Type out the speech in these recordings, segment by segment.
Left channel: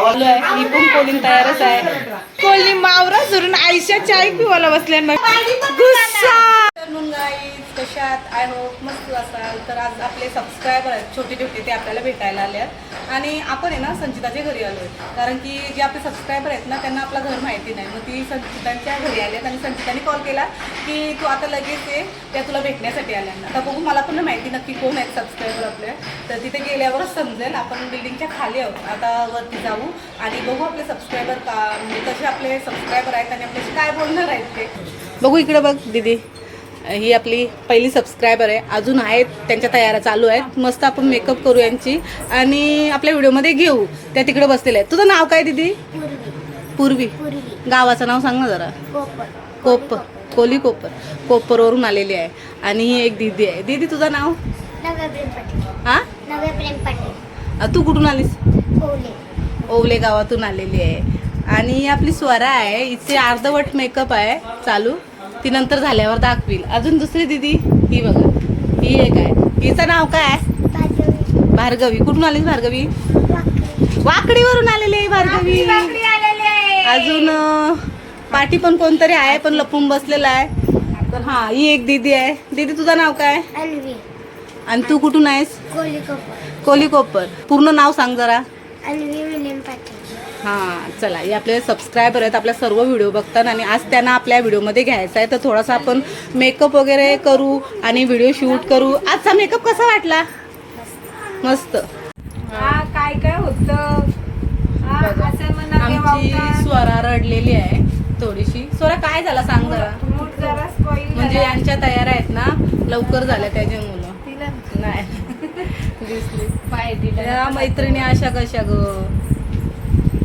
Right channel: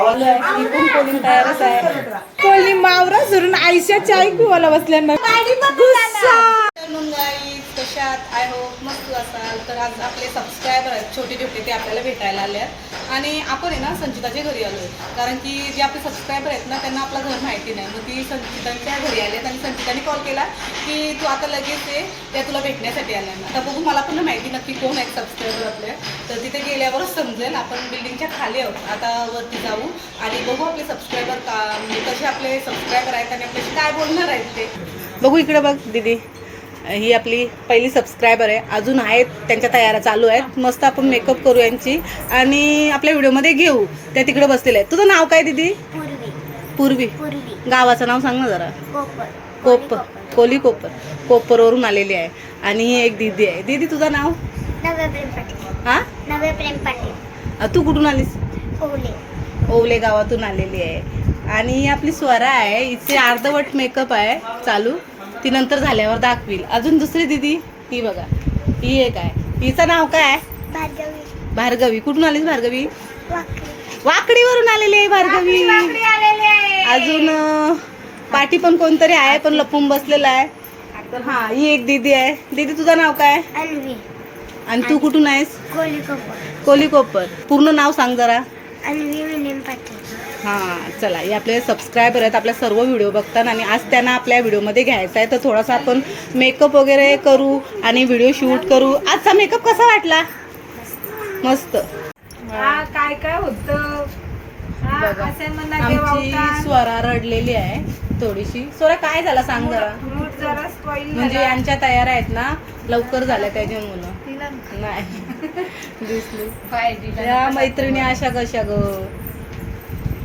चालू पण कोलिंग तयारच आहे. कोली मावरा धरून आईशा चाय पिवायला बसल्या गुस्सा! गाईज कशात आय होप मस्त असाल. तर आज आपले सबस्क्रायबर आहेत छोटे छोटे ते आपल्याला भेटायला आले आहेत. आणि आपण आहे ना संचिताच्या घरी आलो आहे. कारण की जे आपले सबस्क्रायबर आहेत ना त्यांना आपलं घर माहिती नाही. मग ती संचितांच्या घरी आली आहेत आणि संचिताने कॉल केला की तू आता लगेच ये त्या तुला भेटण्यासाठी आल्यांना आता बघू मला पण माहिती नक्की कोण आहेत सबस्क्रायबर आपले. तर तिथे गेल्यावरच समजेल आपण बिल्डिंगच्या खाली आहोत. आता वरती जाऊ आणि बघू आपले सबस्क्रायबर का म्हणजे कसे आपले सबस्क्रायबर आहेत आणि आपल्याशी काय बोलणार आहेत ते. बघू इकडे बघ दीदी. ही आपली पहिली सबस्क्रायबर आहे. अजून आहेत त्यांच्या तयाऱ्या चालू आहेत. मस्त आपण मेकअप करू यांची. आणि आपल्या व्हिडिओमध्ये घेऊ. त्या तिकडे बसलेल्या आहेत. तुझं नाव काय दीदी? पूर्वी. गावाचं नाव सांग ना जरा. कोपर. कोपर. कोली कोपर. कोपरवरून आलेली आहे. आणि ही एक दीदी आहे. दीदी तुझं नाव? हां? तू कुठून आलीस? ओले. ओवले गावातून आलेली आहे. आणि आपली स्वरा आहे. हिचे अर्धवट मेकअप आहे. चालू. ती नंतर झाल्यावर दाखवील. अजून दुसरी दिदी ही बघा. ही एक आहे. हिचं नाव काय? भार्गवी. भार्गवी कुठून आलीस भार्गवी? वाकडी वाकडीवरून आलेली आहे भार्गवी. अजून पाठी पण कोणतरी आहे पण लपून बसलेला आहे. तर हा ही एक दीदी आहे. दीदी तुझं नाव काय? आणि तू कुठून आहेस? कोली कोपर. पूर्ण नाव सांग जरा. अन्वी विलियम पाटील. हां चला हे आपले सबस्क्रायबर आहेत आपल्या सर्व व्हिडिओ बघतात आणि आज त्यांना आपल्या व्हिडिओमध्ये घ्यायचा आहे. तर थोडासा आपण मेकअप वगैरे करू आणि व्हिडिओ शूट करू. आजचा मेकअप कसा वाटला? मस्त. हा काय काय होत? बघा. असं म्हणा आमची स्वरा रडलेली आहे थोडीशी. स्वरा काय झाला सांग जरा. मूड जरा स्पॉइल म्हणजे यांच्या तयार आहेत ना लवकर झाल्या त्याची मुलं. नाही. दिसली. त्या मैत्रिणी अशा कशा ग?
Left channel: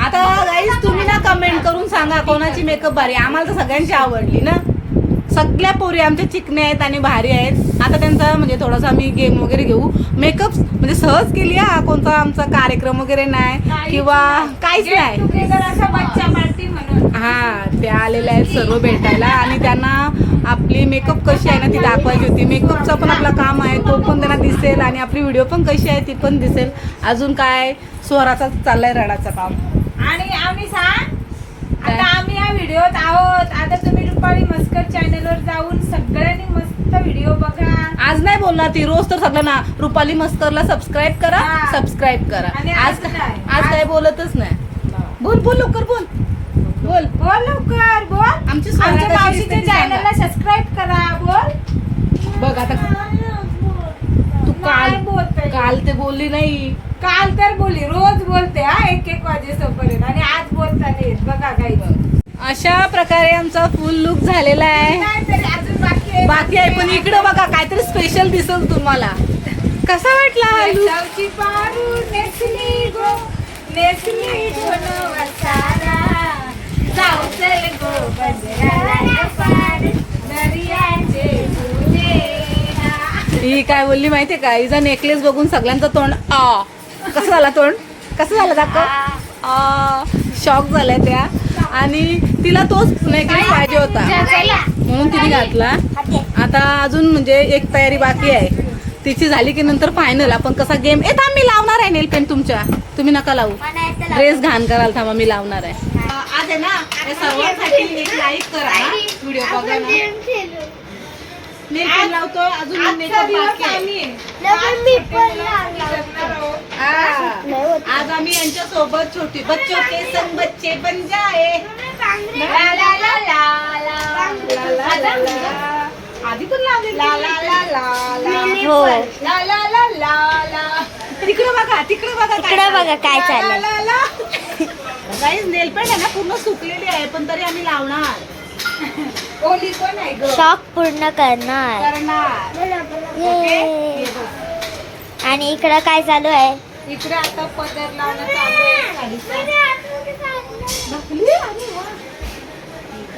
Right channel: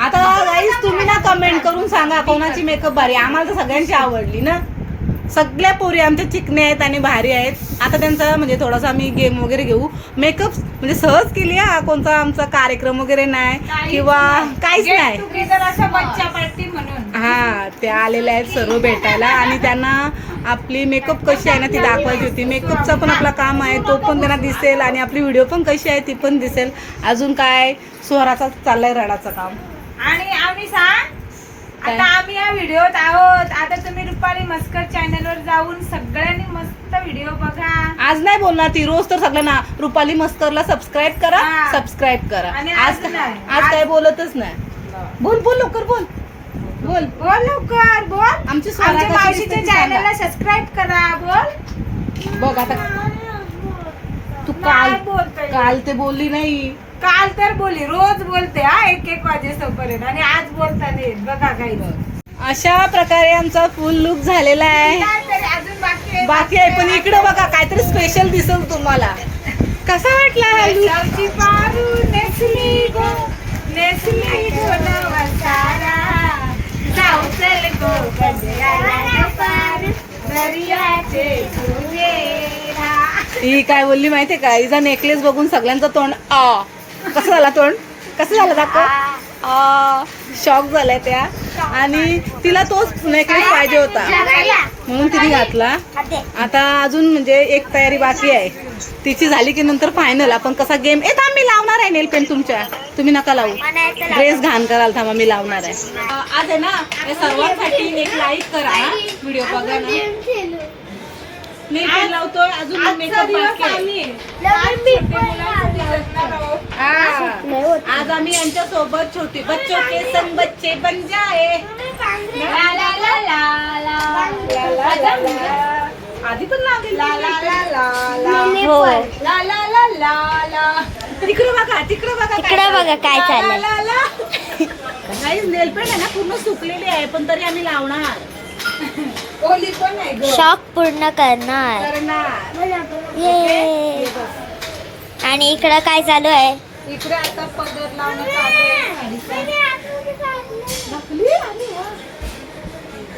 आता गाईस तुम्ही ना कमेंट करून सांगा कोणाची मेकअप भारी आम्हाला तर सगळ्यांची आवडली ना? सगळ्या पोरी आमच्या चिकण्या आहेत आणि भारी आहेत. आता त्यांचा म्हणजे थोडासा आम्ही गेम वगैरे घेऊ. मेकअप म्हणजे सहज केली हा कोणता आमचा कार्यक्रम वगैरे नाही किंवा काहीच नाही. हा त्या आलेल्या आहेत सर्व भेटायला आणि त्यांना आपली मेकअप कशी आहे ना ती दाखवायची होती. मेकअपचा पण आपला काम आहे तो पण त्यांना दिसेल आणि आपली व्हिडिओ पण कशी आहे ती पण दिसेल. अजून काय? स्वराचा चाललाय रडाचं काम. आणि आम्ही सांग? आता आम्ही या व्हिडिओत आहोत. आता तुम्ही रुपाली मस्कर चॅनल वर जाऊन सगळ्यांनी मस्त व्हिडिओ बघा. आज नाही बोलणार ती रोज तर सगळ्यांना रुपाली मस्करला सबस्क्राईब करा. सबस्क्राईब करा. आणि. आज आज- काय बोलतच नाही. बोल बोल लवकर बोल. बोल. बोल लवकर बोल. आमची स्वरा आमच्या कशी मावशीच्या दिसते ती सांगा. चॅनलला सबस्क्राईब करा बोल. बघ आता. तू काल नाही बोलते. काल ते बोलली नाही. काल तर बोली रोज बोलते हा एक एक वाजेसोपर्यंत आणि आज बोलता नाही येत. बघा. काही अशा प्रकारे आमचा फुल लुक झालेला आहे. अजून बाकी आहे. बाकी आहे पण इकडं बघा काहीतरी स्पेशल दिसल तुम्हाला. कसा वाटला हा look? पारू नेसली गो. नेसली गो नवा गो ही काय बोलली माहितीये का? हिचा नेकलेस बघून सगळ्यांचं तोंड आ. कसं झालं तोंड? कसं झालं दाखव. आ. शॉक झालाय त्या. आणि तिला तोच नेकलेस पाहिजे होता. म्हणून तिने घातला. आता अजून म्हणजे एक तयारी बाकी आहे. तिची झाली की नंतर फायनल आपण कसा गेम ए थांब मी लावणार आहे नेल पेन तुमच्या. तुम्ही नका लावू. ड्रेस घाण कराल थांबा मी लावणार आहे. आज आहे ना हे सर्वांसाठी एक लाईक करा व्हिडिओ बघा ना लावतोय अजून मेकअप बाकी आहे हा. आज आम्ही यांच्या सोबत छोटे बच्चों के संग बच्चे बन जाए ला ला ला ला ला. ला ला ला. आधी पण लावली ला ला ला ला ला. हो ला ला ला ला ला. तिकडे बघा तिकडे बघा इकडं बघा काय ला चाललंय ला ला. नेल पेंट आहे ना पूर्ण सुकलेली आहे पण तरी आम्ही लावणार. ओली कोण आहे ग? शॉक पूर्ण करणार. करणार. ये. आणि इकडं काय चालू आहे? इकडे आता पदर लावणं चालू आहे साडीचं.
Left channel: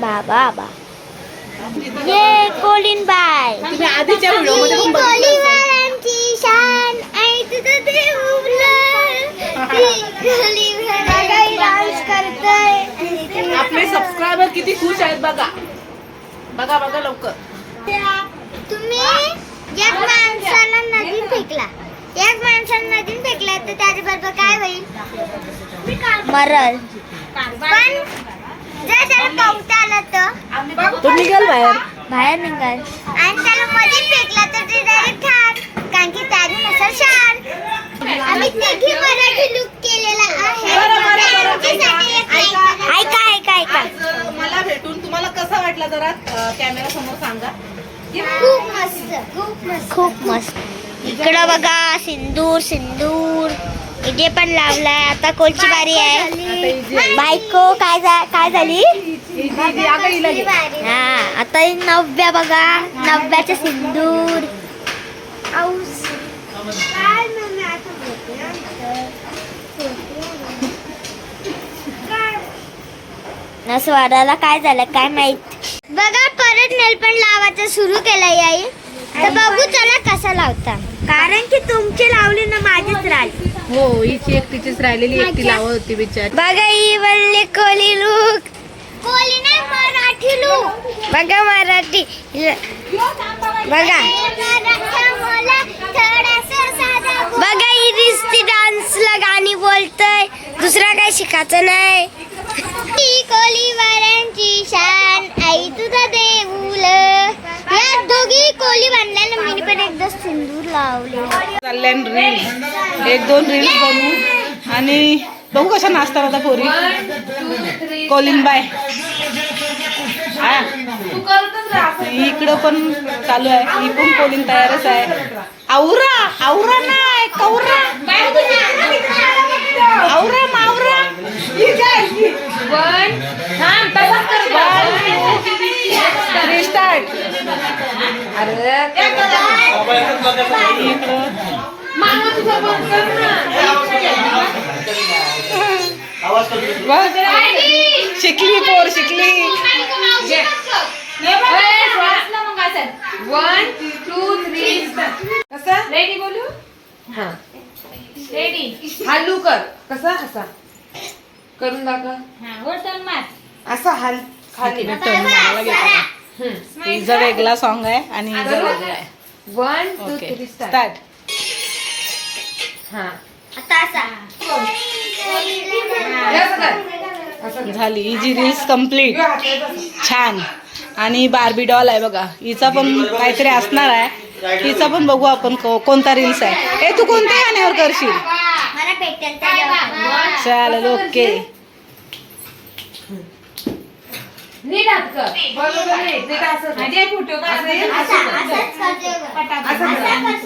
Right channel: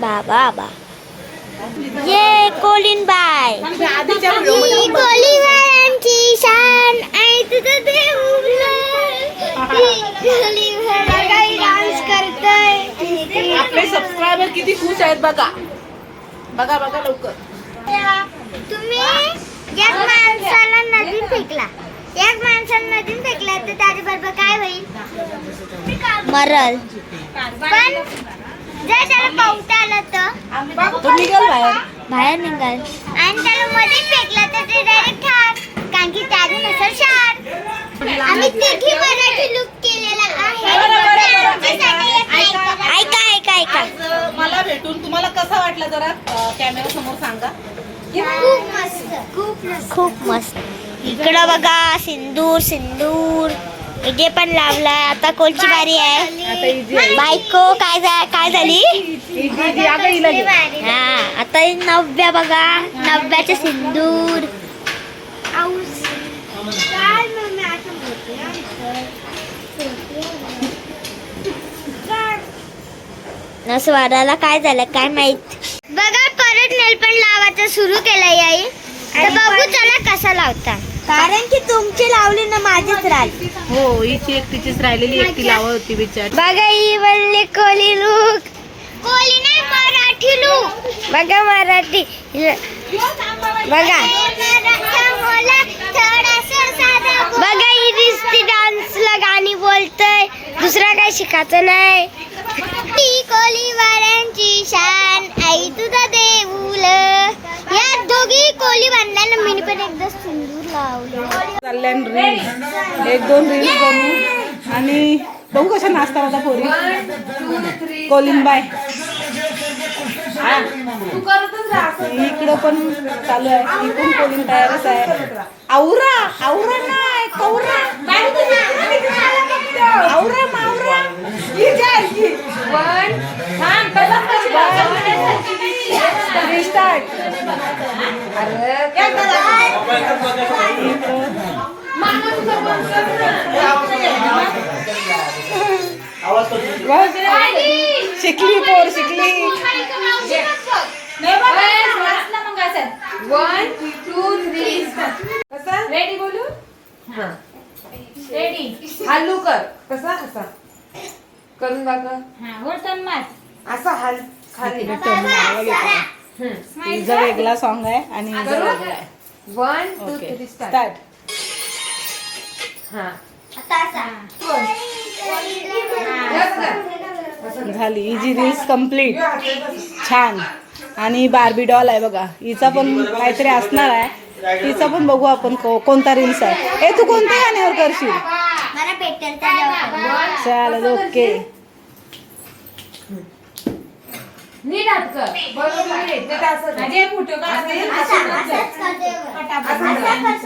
बाबा बा ये कोलिन बाय. तुम्ही आधीच्या व्हिडिओ आपले सबस्क्रायबर किती खुश आहेत बघा. बघा बघा लवकर. तुम्ही एक माणसाला नदीत फेकला. एक माणसाला नदीत फेकला तर त्याच्याबरोबर काय होईल? मरल. पण जर त्याला पावता आला तर? तो निघाल बाहेर. बाहेर निघाल. आणि त्याला मध्ये फेकला तर ते डायरेक्ट ठार कारण की त्यातून असेल शार आम्ही तिघी मराठी लुक ऐका ऐका ऐका मला भेटून तुम्हाला कसं वाटलं जरा कॅमेरा समोर सांगा खूप मस्त खूप मस्त खूप मस्त इकडं बघा सिंदूर सिंदूर इथे पण लावलाय आता कोणची बारी आहे बायको काय काय झाली हा आता ही नव्या बघा नव्याचे सिंदूर न स्वराला काय झालं काय माहीत? बघा परत नेल पण लावायचं सुरू केलंय आई. तर बघू चला कसा लावता. कारण की तुमची लावली ना माझीच राहिली. हो हिची एकटीचीच राहिलेली एकटी लावत होती बिचारी. बघा ही बनली कोली लूक कोली नाही मराठी लूक बघा मराठी. बघा. बघा ही दिसती डान्सला गाणी बोलतय. दुसरा काही शिकायचं नाही. ही कोलीवारांची शान आई तुझा देऊल. या दोघी कोळी बांधल्यानं मी पण एकदा सिंदूर लावले. चालल्या रील्स एक दोन रील्स बनवू. आणि बघू कशा नाचतात आता पोरी. कोलिंबाय हा. इकडं पण चालू आहे. ही पण कोलिंग तयारच आहे. आवरा आवरा नाही कवरा आवरा मावरा. रिस्टार्ट शिकली पोर शिकली. वन टू थ्री रेडी बोलू? हा. रेडी हालू कर. कसा? कसा करून दाखव. हा वरतून मार. असं हाल खाली. टर्न मारायला घेतला हिचा वेगळा सॉन्ग आहे आणि हिचा वेगळा आहे. One two okay three start start हा. झाली ही जी रील्स कंप्लीट छान. आणि बार्बी डॉल आहे बघा. हिचा पण काहीतरी असणार आहे. हिचा पण बघू आपण को- कोणता रील्स आहे. ए तू कोणत्या गाण्यावर करशील? मला भेटेल चालेल ओके. नीट हात कर. बरोबर आहे ते असं माझे फोटो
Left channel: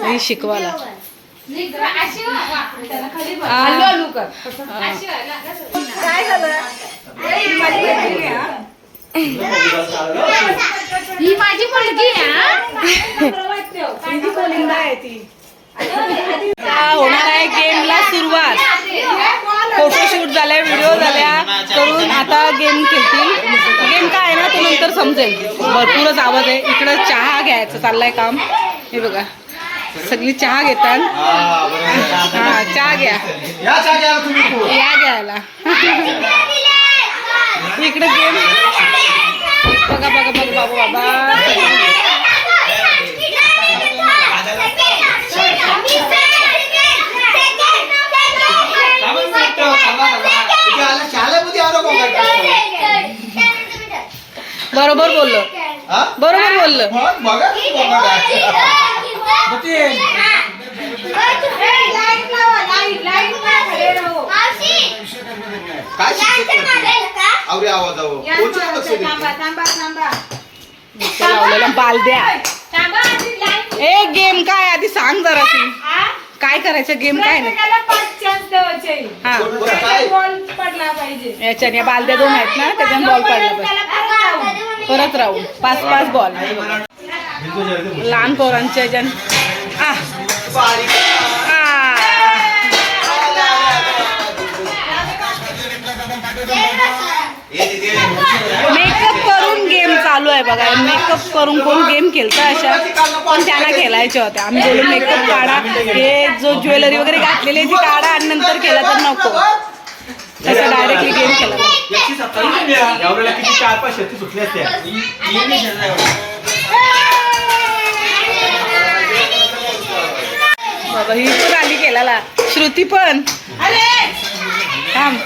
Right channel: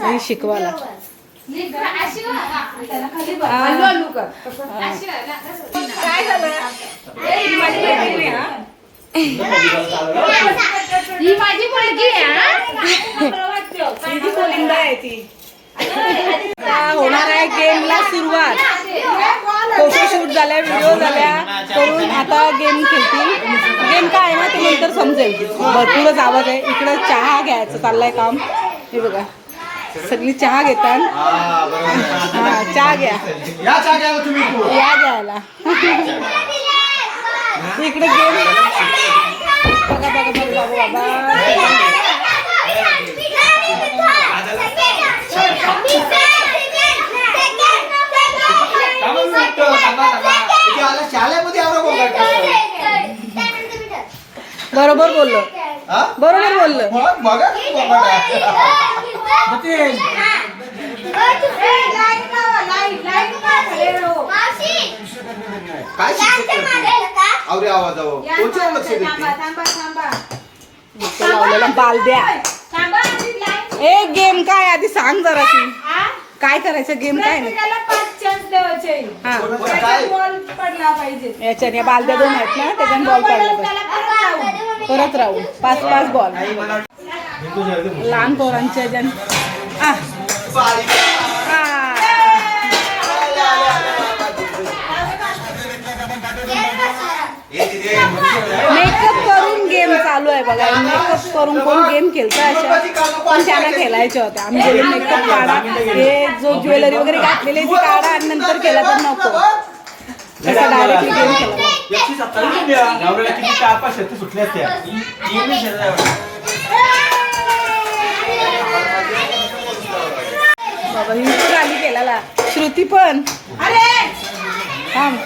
ही. शिकवाला आ, हालू कर. आ. ही माझी मुलगी आहे ही. जी कोलिंबा आहे ती. आता होणार आहे गेमला सुरुवात. फोटोशूट झाल्या व्हिडिओ झाल्या. करून आता गेम खेळतील. गेम काय आहे ना ते नंतर समजेल. भरपूरच आवाज आहे. इकडं चहा घ्यायचं चाललंय काम. हे बघा. सगळी चहा घेतात. हा चहा घ्या. या घ्यायला. इकडे गेम. बघा बघा बघा बाबू बाबा थांबा मी निघतो, थांबा, थांबा. इथे आला शाळेमध्ये आलो बघा कसं. बरोबर बोललो हा? बरोबर बोललो मग बघा की बघा काय. नितीन, काय शिक्षक आवडी आवाज कोणच्या लक्ष देते? इथं लावलेला बालद्या ए गेम काय आधी सांग जरा ती काय करायचं? गेम काय नाही. चान्स द्यायचे हा. बरं, काय? बॉल पडला पाहिजे. याच्याने या बालद्या दोन आहेत ना त्याच्याने बॉल पडला पाहिजे त्याला परत परत राहून पाच पाच बॉल लहान पोरांच्या याच्यान आ. मेकअप चालू आहे बघा. मेकअप करून कोण गेम खेळतं अशा. पण त्यांना खेळायच्या होत्या. आम्ही बोलू मेकअप काढा. हे जो ज्वेलरी वगैरे घातलेली आहे ती काढा आणि नंतर खेळा तर नको. तसं डायरेक्टली गेम खेळला बाबा ही पण आली केला श्रुती पण. थांब.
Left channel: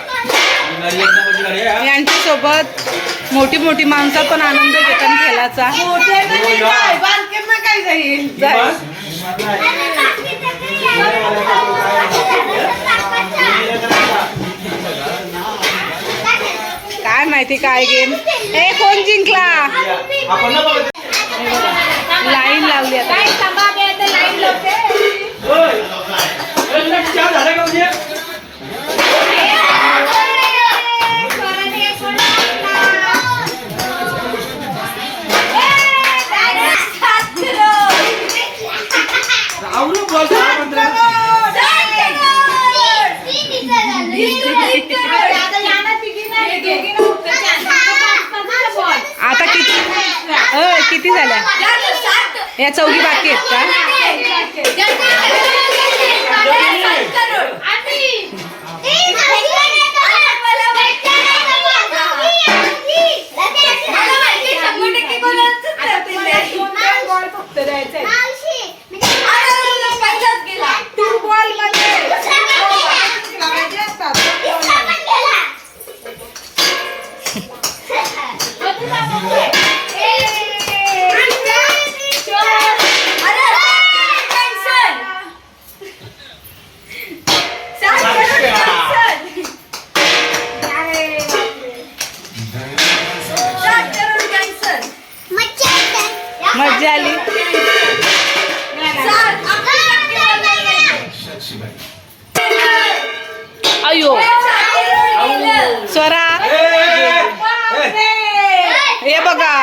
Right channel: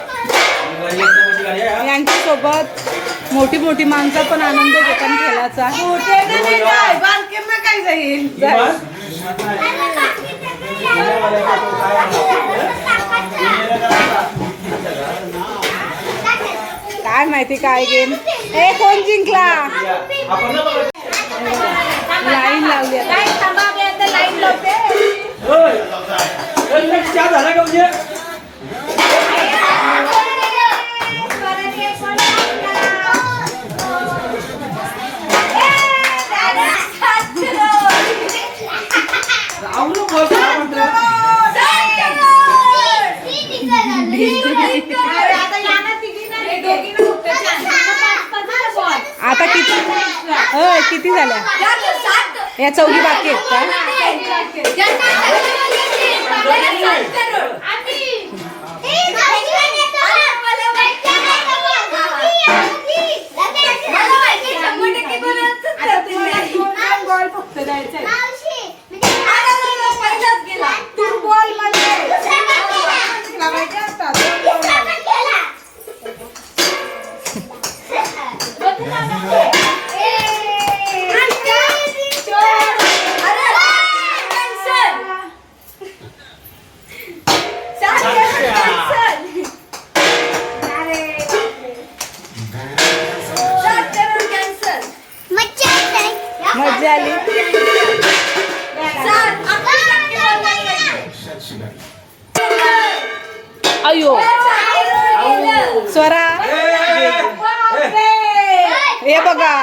यांच्यासोबत यांच्या सोबत मोठी मोठी माणसं पण आनंद घेतात खेळाचा काय जाईल. ही बस? काय माहिती काय गेम ए कोण जिंकला लाईन लावली आता ओय. ओय, आता किती अ किती झाल्या? या चौघी बाकी आहेत का? आली अयो. स्वरा. हे बघा.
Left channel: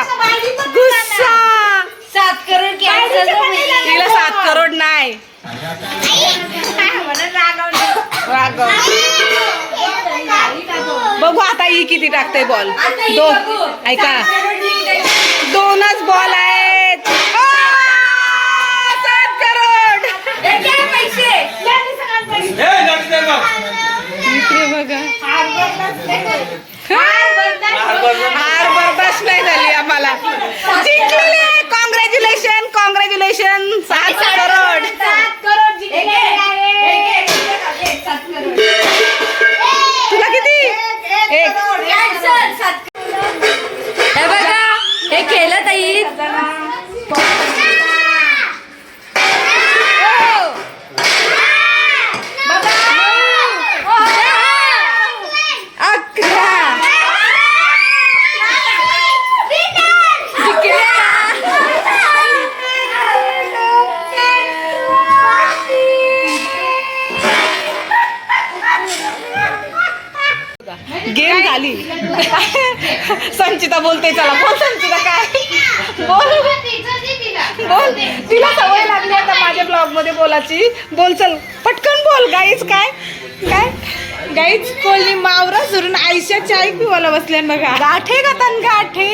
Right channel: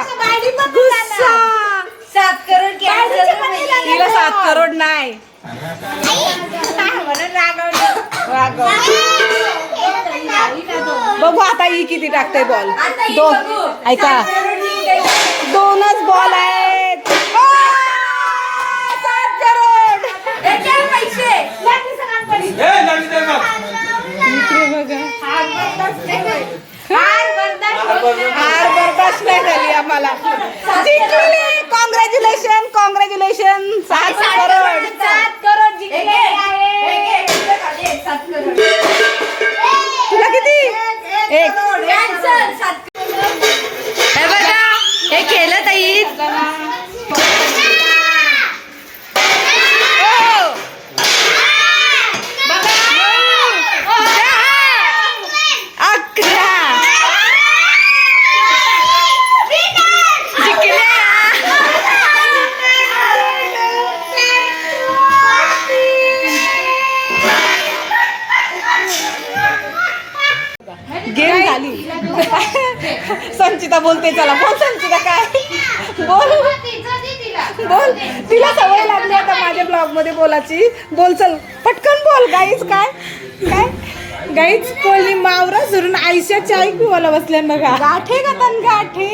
गुस्सा. सात करोड तिला सात करोड नाही. राघव. बघू आता ही किती टाकते बॉल दोन ऐका. दोनच बॉल आहेत आ, सात करोड ए, गाडी दे ना. इकडे बघा हार बर्दाश्त नाही झाली आम्हाला जिंकलेले कॉंग्रॅच्युलेशन कॉंग्रॅच्युलेशन सात करोड सात करोड तुला तिला सवय लागली आता माझ्या ब्लॉगमध्ये बोलायची. बोल चल. पटकन बोल गाईच काय? काय? गाईच कोणी मावरा सोडून आयशा चाय पिवायला बसल्या बघा. गाठे का तन गाठे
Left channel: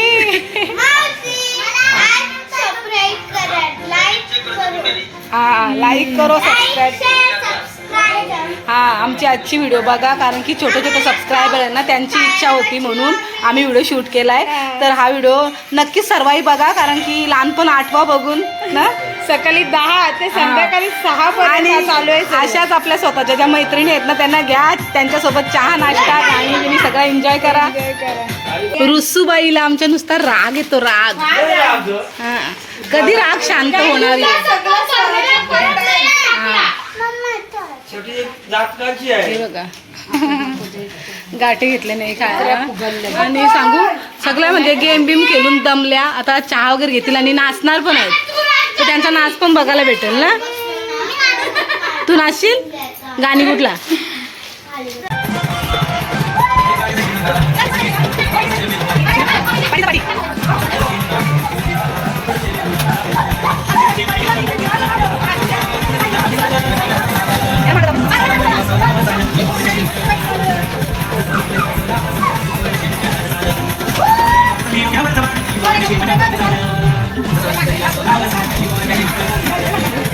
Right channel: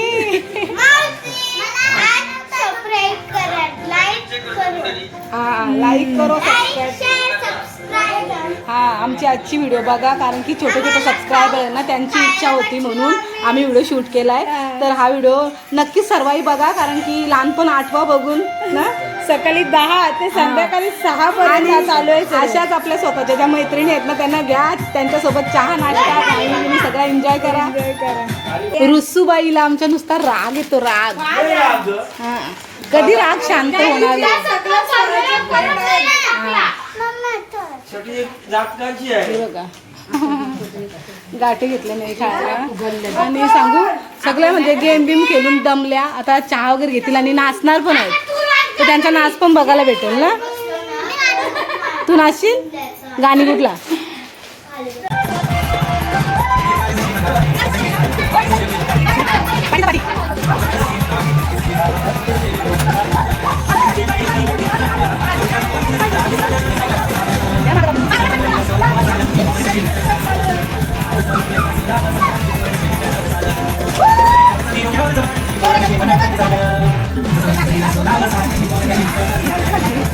हा लाईक करो सबस्क्राईब हा आमची आजची व्हिडिओ बघा कारण की छोटे छोटे सबस्क्रायबर आहे ना त्यांची इच्छा होती म्हणून आम्ही व्हिडिओ शूट केलाय. तर हा व्हिडिओ नक्कीच सर्वही बघा कारण की लहानपण आठवा बघून ना? सकाळी दहा ते संध्याकाळी सहा आणि पर्यंत चालू आहे. अशाच आपल्या स्वतःच्या ज्या मैत्रिणी आहेत ना त्यांना घ्या त्यांच्यासोबत चहा नाश्ता गाणी बिणी सगळा एन्जॉय करा. रुसूबाईला आमच्या नुसता राग येतो राग. हा. कधी राग शांत होणार आहे हा शेवटी एक जातकाची आहे हे बघा. गाठी घेतले नाही खायला. आणि सांगू सगळं म्हणजे गेम बिम खेळून दमल्या आता चहा वगैरे घेतील आणि नाचणार पण आहेत. तर त्यांचा नाच पण बघायला भेटेल ना? तू नाचशील? गाणी कुठला Thank you.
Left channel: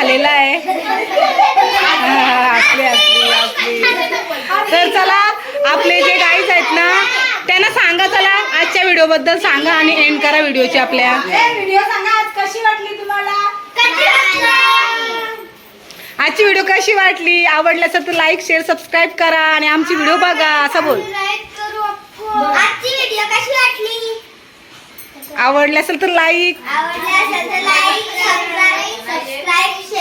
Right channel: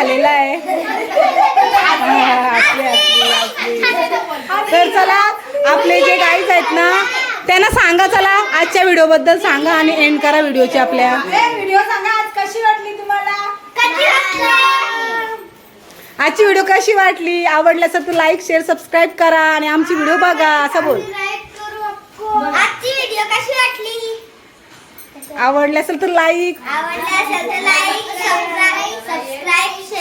झालेला आहे. हा, असले असले असले तर चला आपले जे गाईज आहेत ना त्यांना सांगा चला आजच्या व्हिडिओ बद्दल सांगा आणि एंड करा व्हिडिओची आपल्या. व्हिडिओ सांगा आज कशी वाटली तुम्हाला? आजची व्हिडिओ कशी वाटली? आवडली असेल तर लाईक शेअर सबस्क्राईब करा आणि आमची व्हिडिओ बघा असं बोल. आजची व्हिडिओ कशी वाटली? आवडली असेल तर लाईक आवडली असेल तर लाईक सबस्क्राईब शेअर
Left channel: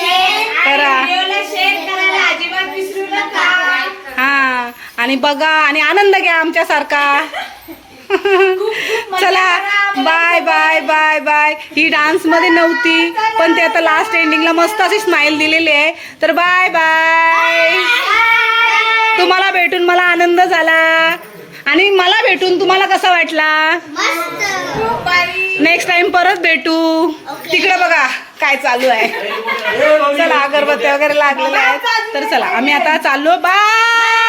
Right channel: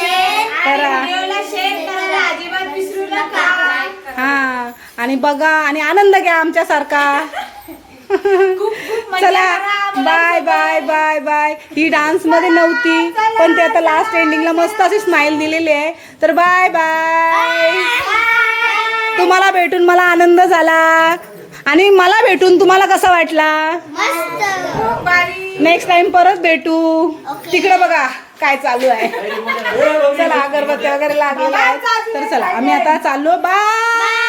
करा. हा आणि बघा आणि आनंद घ्या आमच्यासारखा. चला बाय बाय बाय बाय ही डान्समध्ये नव्हती पण ते आता लास्ट एंडिंगला मस्त अशी स्माइल दिलेली आहे. तर बाय बाय तुम्हाला भेटून मला आनंद झाला. आणि मला भेटून तुम्हाला कसा वाटला? मस्त. नेक्स्ट टाइम परत भेटू. तिकडे बघा काय चालू आहे. चला अगरबत्ती वगैरे लागलेल्या आहेत. तर चला आम्ही आता चाललो. बाय.